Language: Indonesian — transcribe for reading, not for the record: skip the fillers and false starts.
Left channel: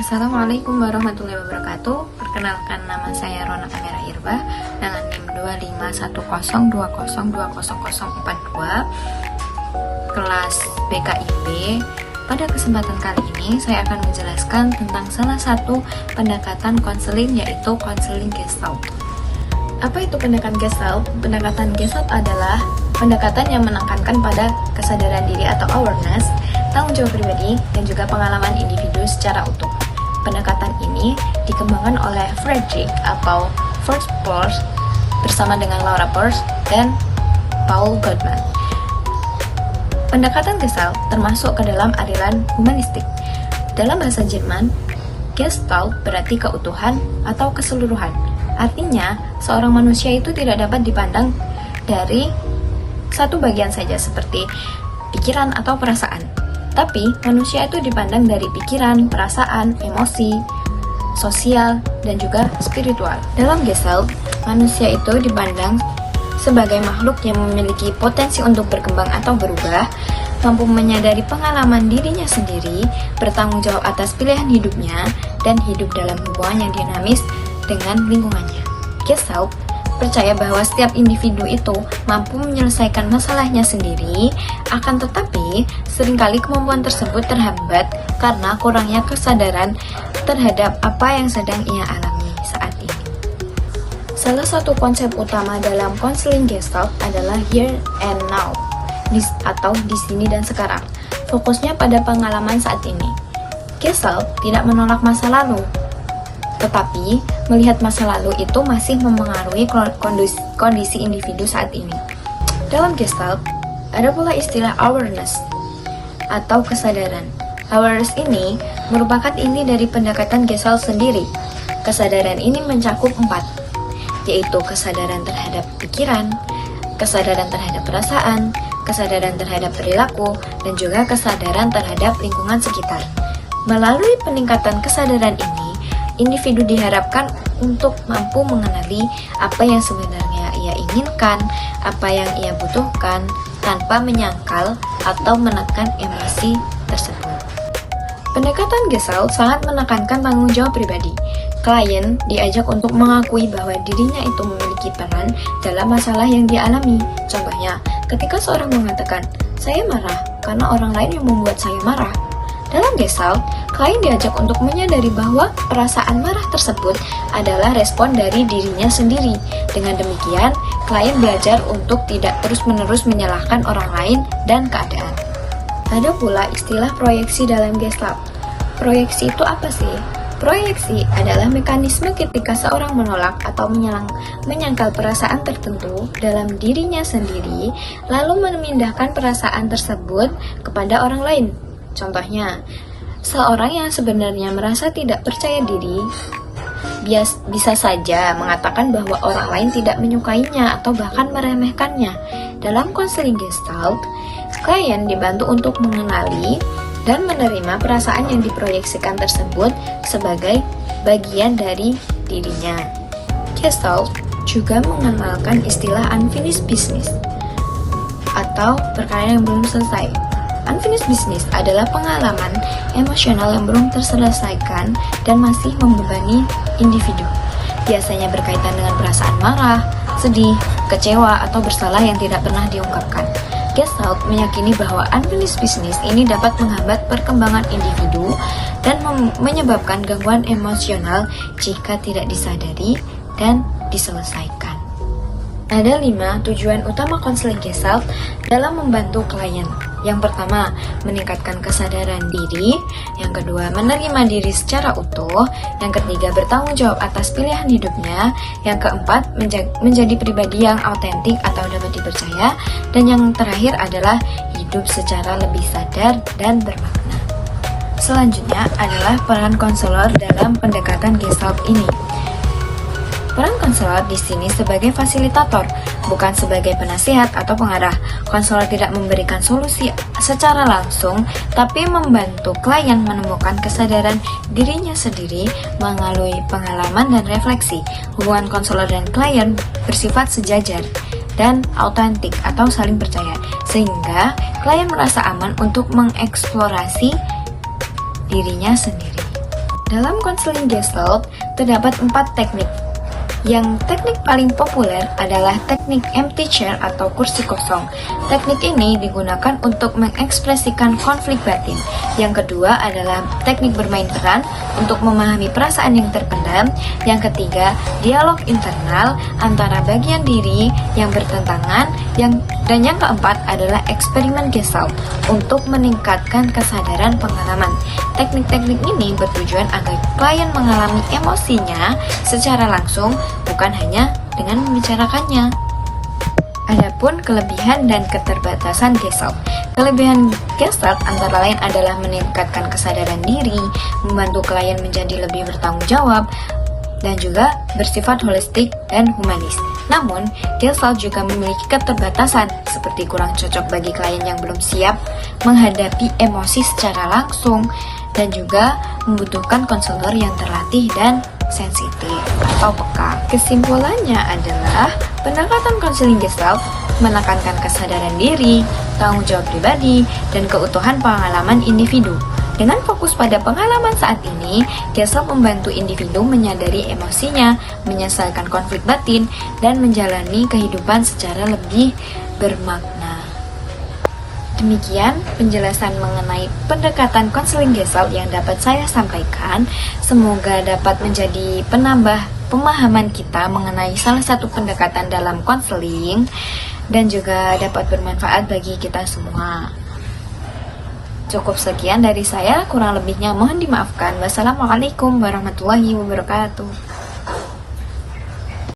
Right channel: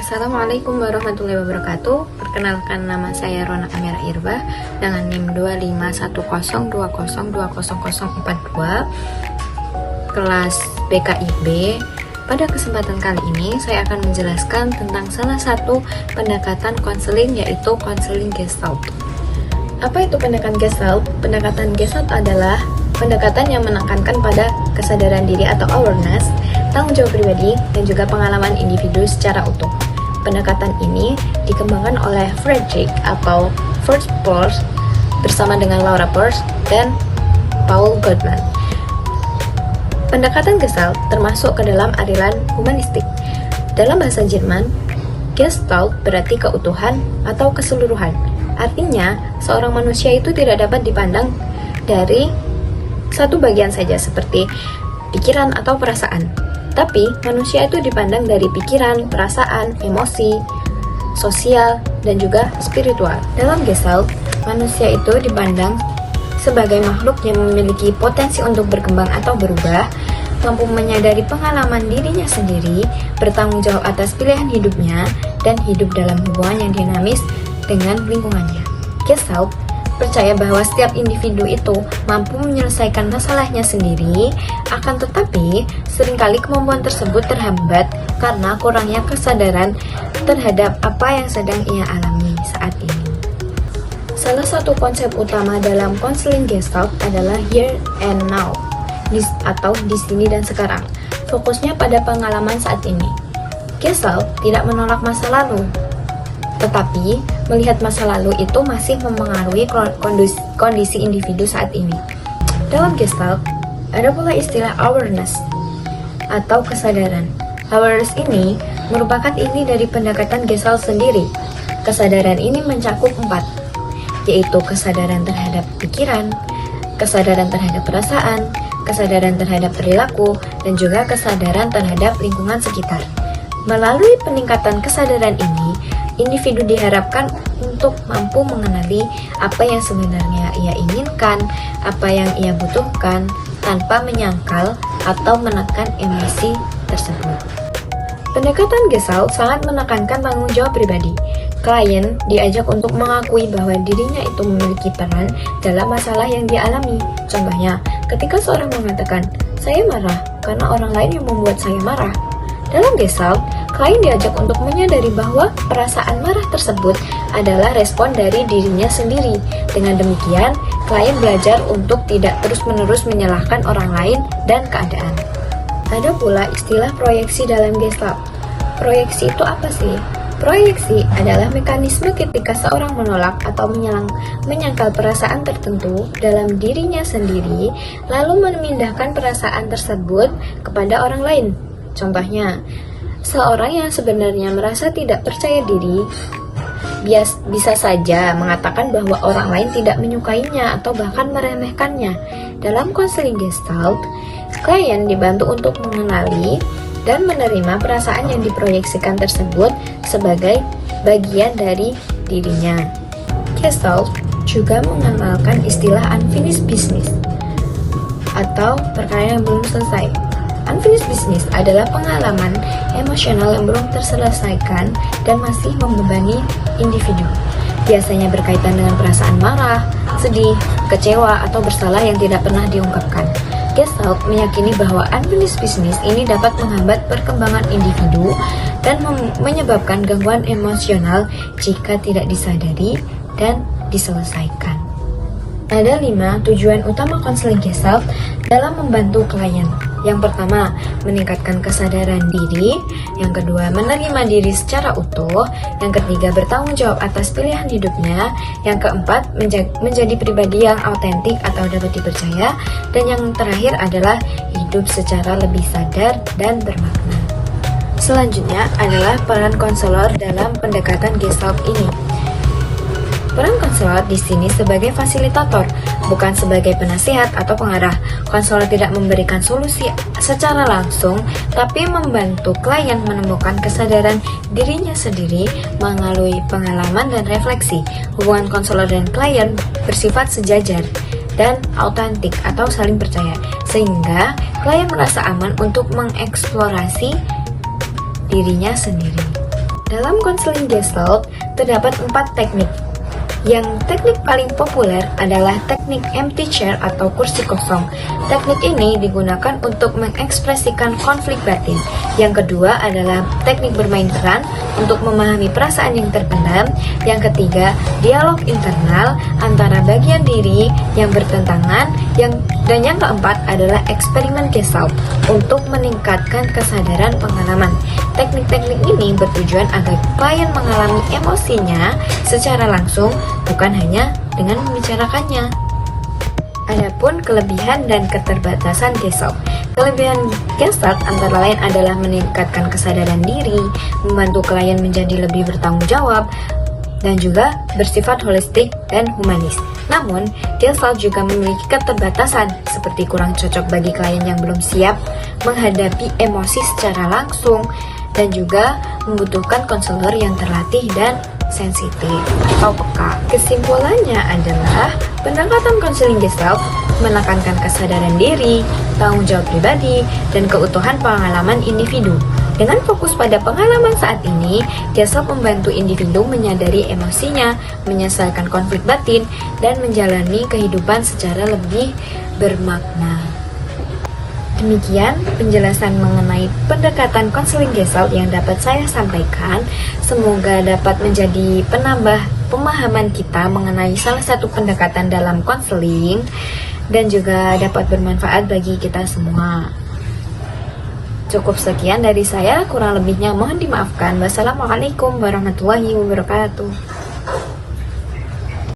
Assalamualaikum warahmatullahi wabarakatuh. Perkenalkan, nama saya Rona Amira Irba dengan NIM 251020202042 kelas BKIB. Pada kesempatan kali ini saya akan menjelaskan tentang salah satu pendekatan konseling, yaitu konseling Gestalt. Apa itu pendekatan Gestalt? Pendekatan Gestalt adalah pendekatan yang menekankan pada kesadaran diri atau awareness, tanggung jawab pribadi, dan juga pengalaman individu secara utuh. Pendekatan ini dikembangkan oleh Frederick atau Fritz Perls bersama dengan Laura Perls dan Paul Goldman. Pendekatan Gestalt termasuk ke dalam aliran humanistik. Dalam bahasa Jerman, Gestalt berarti keutuhan atau keseluruhan. Artinya, seorang manusia itu tidak dapat dipandang dari satu bagian saja seperti pikiran atau perasaan. Tapi, manusia itu dipandang dari pikiran, perasaan, emosi, sosial, dan juga spiritual. Dalam Gestalt, manusia itu dipandang sebagai makhluk yang memiliki potensi untuk berkembang atau berubah, mampu menyadari pengalaman dirinya sendiri, bertanggung jawab atas pilihan hidupnya, dan hidup dalam hubungan yang dinamis dengan lingkungannya. Gestalt percaya bahwa setiap individu itu mampu menyelesaikan masalahnya sendiri, akan tetapi seringkali kemampuan tersebut terhambat karena kurangnya kesadaran terhadap apa yang sedang ia alami saat ini. Salah satu konsep utama dalam konseling Gestalt adalah here and now, atau di sini dan sekarang. Fokusnya pada pengalaman saat ini. Gestalt tidak menolak masa lalu, tetapi melihat masa lalu itu masih memengaruhi kondisi individu saat ini. Dalam Gestalt, ada pula istilah awareness atau kesadaran. Awareness ini merupakan inti dari pendekatan Gestalt sendiri. Kesadaran ini mencakup 4, yaitu kesadaran terhadap pikiran, kesadaran terhadap perasaan, kesadaran terhadap perilaku, dan juga kesadaran terhadap lingkungan sekitar. Melalui peningkatan kesadaran ini, individu diharapkan untuk mampu mengenali apa yang sebenarnya ia inginkan, apa yang ia butuhkan, tanpa menyangkal atau menekan emosi tersebut. Pendekatan Gestalt sangat menekankan tanggung jawab pribadi. Klien diajak untuk mengakui bahwa dirinya itu memiliki peran dalam masalah yang dialami. Contohnya, ketika seorang mengatakan, "Saya marah karena orang lain yang membuat saya marah." Dalam Gestalt, klien diajak untuk menyadari bahwa perasaan marah tersebut adalah respon dari dirinya sendiri. Dengan demikian, klien belajar untuk tidak terus-menerus menyalahkan orang lain dan keadaan. Ada pula istilah proyeksi dalam Gestalt. Proyeksi itu apa sih? Proyeksi adalah mekanisme ketika seorang menolak atau menyangkal perasaan tertentu dalam dirinya sendiri, lalu memindahkan perasaan tersebut kepada orang lain. Contohnya, seorang yang sebenarnya merasa tidak percaya diri bisa saja mengatakan bahwa orang lain tidak menyukainya atau bahkan meremehkannya. Dalam konseling Gestalt, klien dibantu untuk mengenali dan menerima perasaan yang diproyeksikan tersebut sebagai bagian dari dirinya. Gestalt juga mengenalkan istilah unfinished business atau perkara yang belum selesai. Unfinished business adalah pengalaman emosional yang belum terselesaikan dan masih membebani individu. Biasanya berkaitan dengan perasaan marah, sedih, kecewa, atau bersalah yang tidak pernah diungkapkan. Gestalt meyakini bahwa unfinished business ini dapat menghambat perkembangan individu dan menyebabkan gangguan emosional jika tidak disadari dan diselesaikan. Ada 5 tujuan utama konseling Gestalt dalam membantu klien. Yang pertama, meningkatkan kesadaran diri. Yang kedua, menerima diri secara utuh. Yang ketiga, bertanggung jawab atas pilihan hidupnya. Yang keempat, menjadi pribadi yang autentik atau dapat dipercaya. Dan yang terakhir adalah hidup secara lebih sadar dan bermakna. Selanjutnya adalah peran konselor dalam pendekatan Gestalt ini. Peran konselor di sini sebagai fasilitator, bukan sebagai penasihat atau pengarah. Konselor tidak memberikan solusi secara langsung, tapi membantu klien menemukan kesadaran dirinya sendiri melalui pengalaman dan refleksi. Hubungan konselor dan klien bersifat sejajar dan autentik atau saling percaya, sehingga klien merasa aman untuk mengeksplorasi dirinya sendiri. Dalam konseling Gestalt, terdapat 4 teknik. Yang teknik paling populer adalah teknik empty chair atau kursi kosong. Teknik ini digunakan untuk mengekspresikan konflik batin. Yang kedua adalah teknik bermain peran untuk memahami perasaan yang terpendam. Yang ketiga, dialog internal antara bagian diri yang bertentangan. Dan yang keempat adalah eksperimen Gestalt untuk meningkatkan kesadaran pengalaman. Teknik-teknik ini bertujuan agar klien mengalami emosinya secara langsung, bukan hanya dengan membicarakannya. Adapun kelebihan dan keterbatasan Gestalt. Kelebihan Gestalt antara lain adalah meningkatkan kesadaran diri, membantu klien menjadi lebih bertanggung jawab, dan juga bersifat holistik dan humanis. Namun, Gestalt juga memiliki keterbatasan seperti kurang cocok bagi klien yang belum siap menghadapi emosi secara langsung dan juga membutuhkan konselor yang terlatih dan sensitif atau peka. Kesimpulannya adalah pendekatan konseling Gestalt menekankan kesadaran diri, tanggung jawab pribadi, dan keutuhan pengalaman individu. Dengan fokus pada pengalaman saat ini, Gestalt membantu individu menyadari emosinya, menyelesaikan konflik batin, dan menjalani kehidupan secara lebih bermakna. Demikian penjelasan mengenai pendekatan konseling Gestalt yang dapat saya sampaikan. Semoga dapat menjadi penambah pemahaman kita mengenai salah satu pendekatan dalam konseling dan juga dapat bermanfaat bagi kita semua. Cukup sekian dari saya, kurang lebihnya mohon dimaafkan. Wassalamualaikum warahmatullahi wabarakatuh.